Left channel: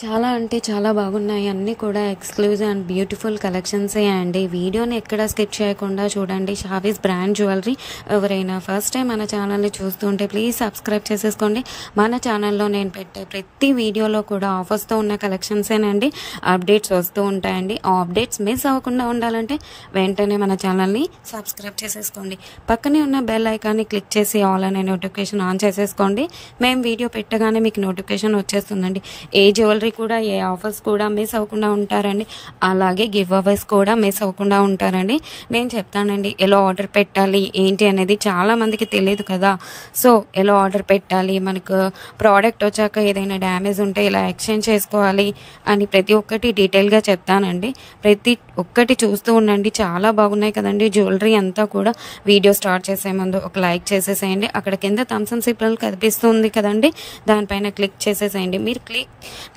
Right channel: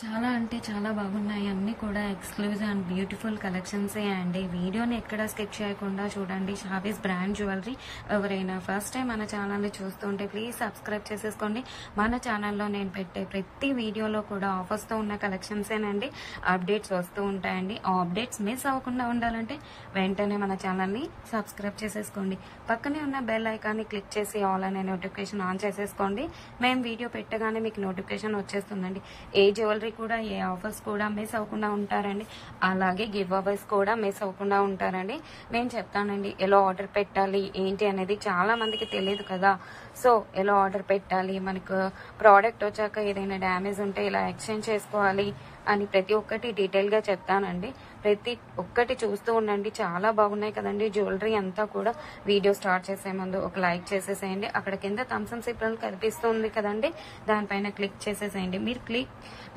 చాలా అంటే చాలా బాగున్నాయి. అన్నీ కూడా ఎక్స్క్లూజివ్ అండ్ బ్యూటిఫుల్ కలెక్షన్సే అండి. వీడియోని ఎక్కడ స్కిప్ చేయకుండా చూడండి. Shavis brand jewellery. ఎవరైనా ఫస్ట్ టైం మన ఛానల్ని చూస్తుంటే ప్లీజ్ సబ్స్క్రైబ్ చేసేసుకోండి. మన ఛానల్లో నేను పెట్టే ప్రతి వీడియోలో కూడా ఆఫర్స్తో ఉన్న కలెక్షన్సేనండి అప్డేట్స్ వస్తూ ఉంటాయండి. ఆ అప్డేట్స్ మిస్ అవ్వకుండా ఉండాలంటే వెంటనే మన ఛానల్ని సబ్స్క్రైబ్ చేసేసుకోండి. పక్కనే ఉన్న బెల్ ఐకాన్ని క్లిక్ చేసి ఆల్ అనే నోటిఫికేషన్ ఆన్ చేసేసుకోండి. మేము వీడియో పెట్టగానే మీకు నోటిఫికేషన్ వచ్చేస్తుందండి. ఏ జ్యువెలరీ కూడా ఏ ఆఫర్స్ కూడా మిస్ అవ్వకుండా ఉంటారండి. అలాగే గివ్ అవేస్ కూడా మిస్ అవ్వకుండా ఉంటారండి. నేను చెప్తానండి ఎలా ఆర్డర్ పెట్టాలి ఏంటి అనేది. చాలా మందికి తెలియదు కదా. సో ఎలా ఆర్డర్ పెట్టాలి, మనకు ప్రోడక్ట్ వచ్చాక ఏదైనా డ్యామేజ్ ఉంటే ఇలా ఎక్స్చేంజ్ చేసుకోవాలి అని ప్రతి ఒక్కటి డీటెయిల్గా చెప్తానండి. ప్రతి ఒక్కటి చూస్తూ ఉండండి. చాలా బాగున్నాయి కదండి జ్యువెలరీ అంతా కూడా. వీడియో స్టార్ట్ చేసే ముందు ఒక లైక్ చేసేసేయండి. అక్కడ కింద థమ్స్ అప్ సింబల్ కనిపిస్తుంది కదండి, దానిపైన క్లిక్ చేసేసేయండి. మీరు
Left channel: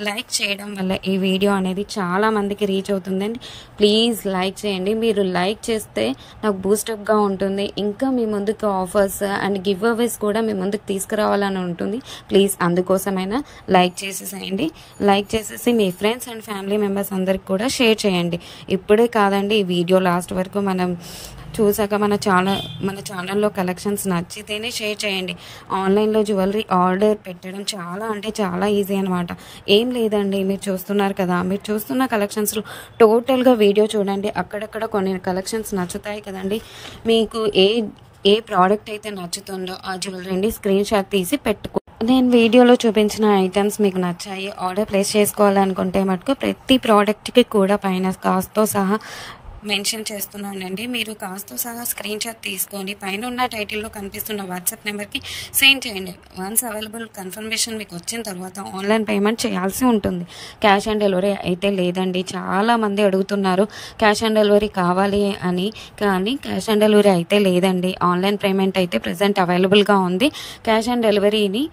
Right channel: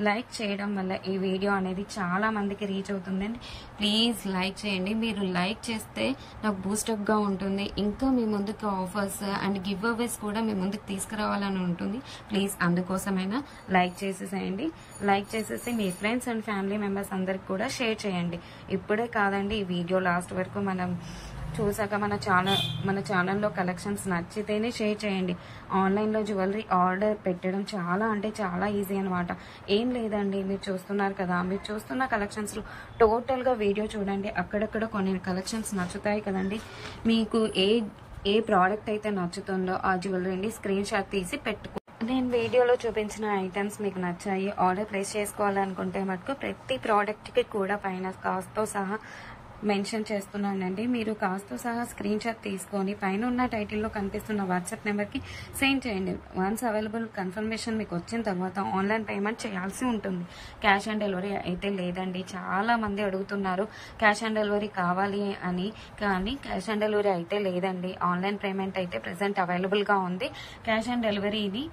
లైక్ చేయడం వల్ల ఈ వీడియో అనేది చాలా మందికి రీచ్ అవుతుందండి. ప్లీజ్ లైక్ చేయండి. మీరు లైక్ చేస్తే నాకు బూస్టప్గా ఉంటుంది. ఇంకా మీ ముందుకు ఆఫర్స్ అండ్ గివ్ అవేస్ కూడా మీ ముందుకు తీసుకురావాలని ఉంటుంది. ప్లీజ్ అందుకోసమైనా లైక్ చేసేసేయండి. లైక్ చేసేసి మీ ఫ్రెండ్స్ అండ్ ఫ్యామిలీ మెంబర్స్ అందరికి కూడా షేర్ చేయండి. ఇప్పుడే కాదండి, ఈ వీడియో లాస్ట్ వరకు మనం చూసాక మన ఛానల్లో కలెక్షన్స్ నచ్చితేనే షేర్ చేయండి. ఆన్లైన్లో జ్యువెలరీ ఆర్డర్ పెట్టడం చాలా అంటే చాలా ఈజీ అనమాట. ఏం లేదండి, మీరు చూస్తున్నారు కదా, మీరు చూస్తున్న కలెక్షన్స్లో టోటల్గా వీడియో చూడండి. అక్కడక్కడ కొన్ని కలెక్షన్స్ నచ్చుతాయి కదండి. మీకు ఏ ప్రోడక్ట్ అయితే నచ్చుతుందో ఆ జ్యువెలరీని స్క్రీన్ షాట్ తీసి పెట్టుకో. నేను వీడియోలో చూపించిన ఐటమ్స్ మీకు నచ్చాయి, ఆర్డర్ ప్లేస్ చేసుకోవాలనుకుంటే మటుకు ప్రతి ప్రోడక్ట్కి కూడా పైన కాస్ట్తో సహా మెన్షన్ చేస్తున్నానండి. మీరు కాస్ట్తో సహా స్క్రీన్ షాట్ తీసుకొని పైన ఉన్న టైటిల్లో కనిపిస్తున్న వాట్సాప్ నెంబర్కి సెండ్ చేయండి. వన్స్ అవైలబుల్ కన్ఫర్మేషన్ మీకు వచ్చిన తర్వాత ఆన్లైన్ పేమెంట్ చేయాల్సి ఉంటుంది. క్యాష్ ఆన్ డెలివరీ అయితే లేదండి. చాలామంది అడుగుతున్నారు క్యాష్ ఆన్ డెలివరీ కావాలి అని, కానీ క్యాష్ ఆన్ డెలివరీ అయితే లేదండి. ఆన్లైన్ పేమెంట్ అయితే ప్రజెంట్ అవైలబుల్గా ఉంది. క్యాష్ ఆన్ డెలివరీని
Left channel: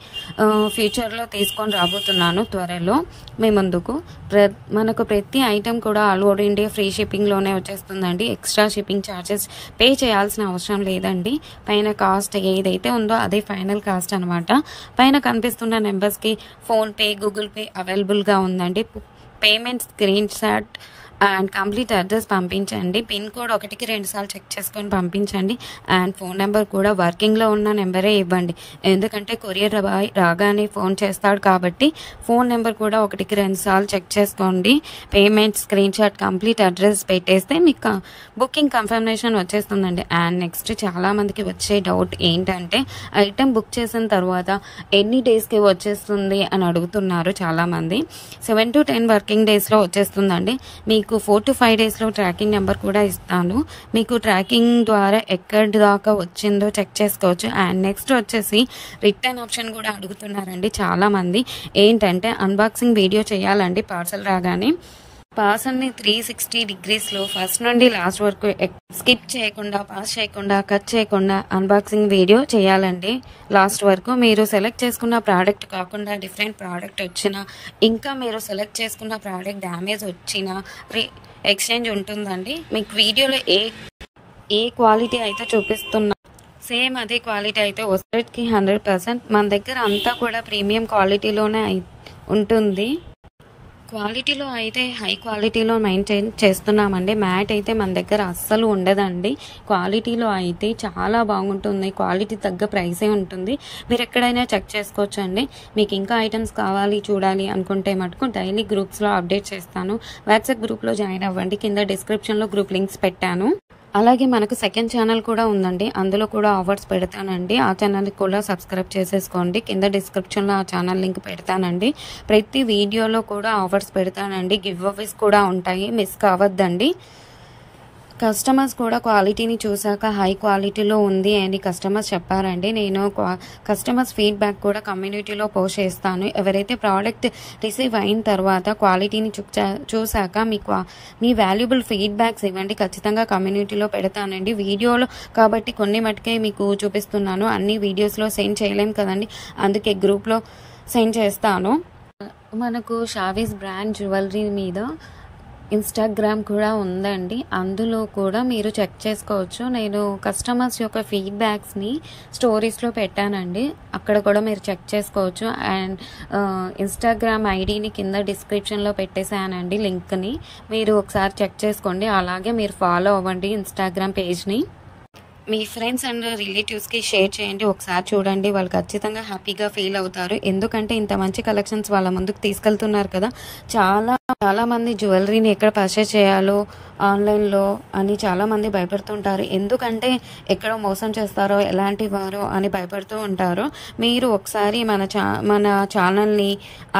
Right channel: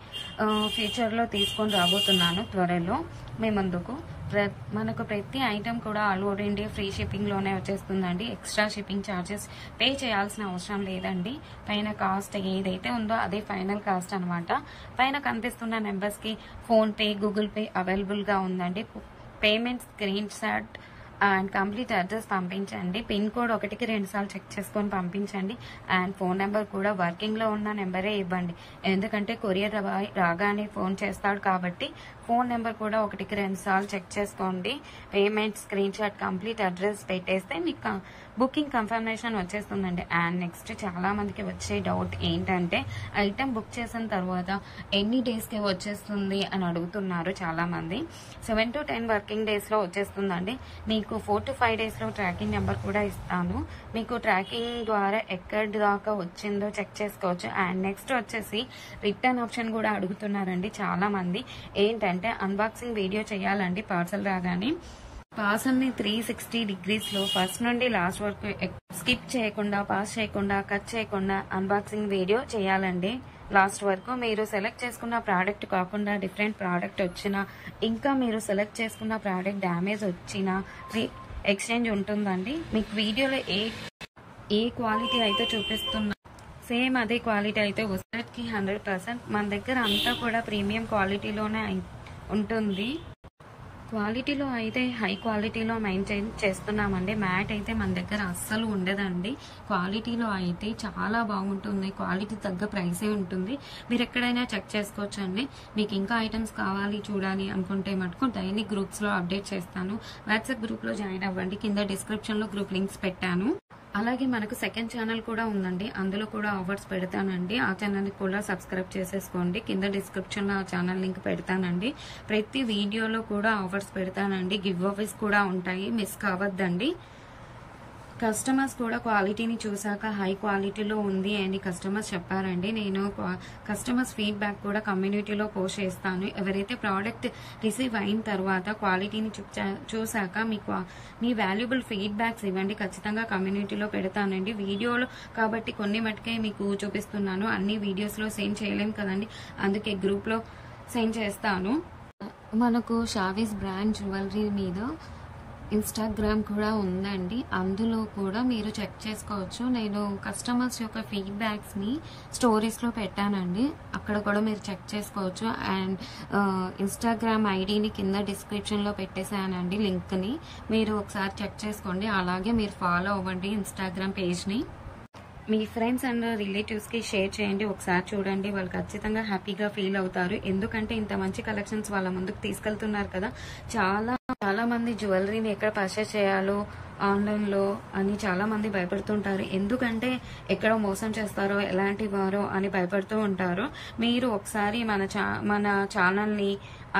ఫ్యూచర్లో తీసుకొని రాబోతున్నాను త్వరలో మీ ముందుకు. మనకు ప్రతి ఐటెం కూడా ఆల్ ఓవర్ ఇండియా ఫ్రీ షిప్పింగ్లోనే వచ్చేస్తుందండి. ఎక్స్ట్రా షిప్పింగ్ ఛార్జెస్ పే చేయాల్సిన అవసరం లేదండి. పైన కాస్ట్ ఏదైతే ఉందో అదే ఫైనల్ కాస్ట్ అనమాట. పైన కనిపిస్తున్న నెంబర్స్కి ఫోన్పే, గూగుల్ పే అవైలబుల్గా ఉందండి. Payment screen shot and complete address పంపించండి. పిన్ కోడ్ 1కి 2 సార్లు చెక్ చేసుకొని పంపించండి. అండ్ ఫోన్ నెంబర్ కూడా వర్కింగ్లో ఉన్న నెంబరే ఇవ్వండి. ఎందుకంటే కొరియర్ రాగానే ఫోన్ చేస్తాడు కాబట్టి ఫోన్ నెంబర్ కూడా 1కి 2 సార్లు చెక్ చేసుకోండి. Payment screen shot complete address పెట్టేస్తే మీకు బుకింగ్ కన్ఫర్మేషన్ వచ్చేస్తుందండి. అండ్ నెక్స్ట్ చాలామందికి వచ్చే డౌట్ ఏంటంటే ఐటెం బుక్ చేసిన తర్వాత ఎన్ని డేస్కి వచ్చేస్తుంది అని అడుగుతున్నారు చాలామంది. 7 to 10 వర్కింగ్ డేస్లో వచ్చేస్తుందండి. మీకు 4 to 5 డేస్లో ట్రాకింగ్ నెంబర్ కూడా ఇస్తాను. మీకు ట్రాకింగ్ ద్వారా ఎక్కడి దాకా వచ్చిందో చెక్ చేసుకోవచ్చు. అండ్ నెక్స్ట్ వచ్చేసి రిటర్న్ ఆప్షన్ కూడా అడుగుతున్నారండి చాలామంది. ఏంటంటే అన్బాక్సింగ్ వీడియో చేయాలండి పార్సల్ రాగానే. పార్సల్ని 360 degreesలో ఫస్ట్ నుండి లాస్ట్ వరకు స్కిప్ చేయకుండా, పాస్ చేయకుండా, కట్ చేయకుండా అన్బాక్సింగ్ వీడియో చేయాలండి లాస్ట్ వరకు. మీరు సెలెక్ట్ చేసుకున్న ప్రోడక్ట్ కాకుండా డిఫరెంట్ ప్రోడక్ట్ వచ్చినా, ఇంకా మీరు సెలెక్ట్ చేసుకున్న ప్రోడక్ట్ డ్యామేజ్ వచ్చినా ఎక్స్చేంజ్ ఉంటుందండి. మీకు వీడియోలో ఏ క్వాలిటీ అయితే చూపిస్తున్నా సేమ్ అదే క్వాలిటీ అయితే 100కి 100%. మన దగ్గర అంతా కూడా ప్రీమియం క్వాలిటీలోనే ఉంటుంది. క్వాలిటీలో అయితే హై క్వాలిటీలో మెయింటైన్ చేస్తున్నామండి. మ్యాట్ అయితే మన దగ్గర అస్సలు ఉండదండి. క్వాలిటీలో అయితే చాలా బాగుంటుంది. క్వాలిటీ తగ్గ ప్రైసే ఉంటుంది. మీరు ఎక్కడైనా చెక్ చేసుకోవచ్చు అండి. మీకు ఇంకా ఐటమ్స్ కావాలి చూడాలి అనుకుంటే మటుకు డైలీ గ్రూప్స్లో అప్డేట్ చేస్తాను. వాట్సాప్ గ్రూప్లో జాయిన్ అవ్వండి. కింద డిస్క్రిప్షన్లో గ్రూప్ లింక్స్ పెట్టాను. అలాగే మనకు సెకండ్ ఛానల్ కూడా ఉందండి. అందులో కూడా ఆఫర్స్ పెడతానండి. ఆ ఛానల్కి కూడా సబ్స్క్రైబ్ చేసేసుకోండి. కింద డిస్క్రిప్షన్లో ఆ ఛానల్ లింక్ పెడతానండి. ప్రతి వీడియోలో కూడా ఆఫర్స్ పెడతానండి. గివ్ అవేస్ కూడా ఉంటాయి, మిస్ కావద్దండి. కస్టమర్స్ కూడా క్వాలిటీని చూసాక హై క్వాలిటీలో ఉంది అని కస్టమర్స్ చెప్పారండి. నేను కస్టమర్స్ ఫీడ్బ్యాక్ కూడా కమ్యూనిటీలో పోస్ట్ చేస్తాను. ఎవరైతే ప్రోడక్ట్ రిసీవ్ అయిన తర్వాత క్వాలిటీని చూసాక మీ వాల్యుబుల్ ఫీడ్బ్యాక్స్ ఇవ్వండి. ఖచ్చితంగా కమ్యూనిటీలో పెడతానండి. వీడియోలో కాబట్టి కొన్ని మటుకే మీకు చూపిస్తున్నాను. అన్ని వీడియోస్లో సెండ్ చేయలేం కదండి, అందుకే గ్రూప్లో సెండ్ చేస్తాను. మనకు షావీస్ బ్రాండ్ జ్యువెలరీ మీద ఇన్స్టాగ్రామ్ కూడా ఉందండి. అందులో కూడా మీరు చెక్ చేసుకోవచ్చు. నేను కస్టమర్స్ యొక్క ఫీడ్బ్యాక్స్ని స్టోరీస్లో పెట్టానండి. అక్కడ కూడా మీరు చెక్ చేసుకోవచ్చు. అండ్ ఇన్స్టాగ్రామ్ ఐడిని కింద డిస్క్రిప్షన్లో పెట్టేశానండి లింక్ని. మీరు ఒకసారి చెక్ చేసుకోండి. అలాగే మీరు ఫాలో అవ్వండి ఇన్స్టాగ్రామ్ పేజ్ని. మీ ఫ్రెండ్స్ అండ్ రిలేటివ్స్కి షేర్ చేయండి. ఒకసారి చూడండి, వాళ్ళు ఖచ్చితంగా హ్యాపీగా ఫీల్ అవుతారు. ఎందుకంటే ఇంత మంచి కలెక్షన్స్ వాళ్ళ ముందుకు తీసుకెళ్తున్నారు కదా. చాలా మంది జ్యువెలరీని ఎక్కడ పర్చేస్ చేయాలో ఆన్లైన్లో అని చాలామంది భయపడుతుంటారు. ఎందుకంటే ఎక్కడ మోసం చేస్తారో, ఎలాంటి వారో అని భయపడుతూ ఉంటారు. మీరు ఒకసారి మన ఛానల్ని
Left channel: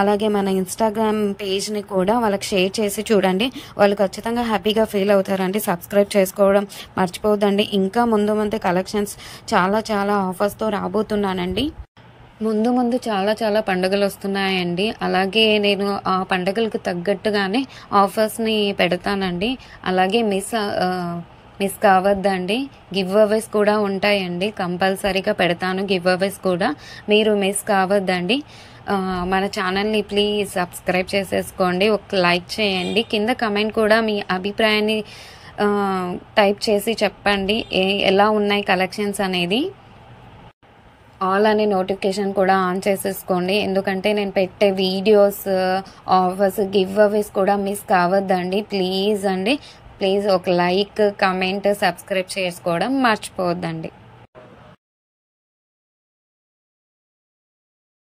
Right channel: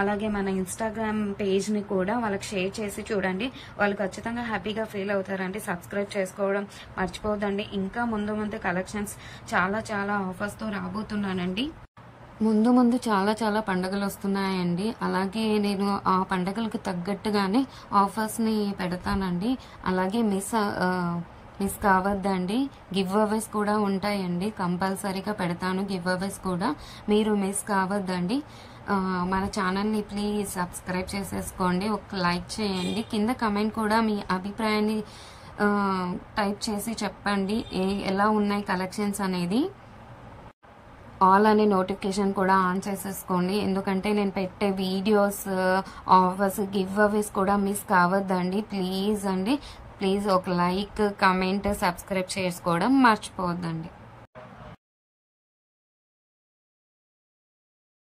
అలాగే మన ఇన్స్టాగ్రామ్ పేజ్ని కూడా వాళ్ళకి షేర్ చేసి చూడండి. వాళ్ళు ఖచ్చితంగా హ్యాపీగా ఫీల్ అవుతారండి. సబ్స్క్రైబ్ చేసుకోవడం మర్చిపోవద్దండి. ఇంకా ముందు కలెక్షన్స్ చాలా ఆఫర్స్తో రాబోతున్నానండి. ముందు చాలా పండుగలు వస్తున్నాయండి. అలాగే నేను ఆ పండుగలకు తగ్గట్టుగానే ఆఫర్స్ని పెడతానండి. అలాగే మిస్ కావద్దండి. గివ్ అవేస్ కూడా ఉంటాయండి. కంపల్సరీగా పెడతాను గివ్ అవేస్ కూడా. మీరు మిస్ కావద్దండి. మన ఛానల్ని ప్లీజ్ సబ్స్క్రైబ్ చేసేసుకోండి. ఒక లైక్ చేయండి. కింద కమెంట్ కూడా మీ అభిప్రాయాన్ని టైప్ చేసి చెప్పండి ఎలా ఉన్నాయి కలెక్షన్స్ అనేది. ఆల్ అనే నోటిఫికేషన్ కూడా ఆన్ చేసేసుకోండి. ఎందుకంటే నేను పెట్టే వీడియోస్, ఆఫర్స్, గివ్ అవేస్ కూడా మిస్ కావద్దండి. ప్లీజ్ ఒక లైక్, కమెంట్, సబ్స్క్రైబ్ చేసుకోవడం మర్చిపోవద్దండి.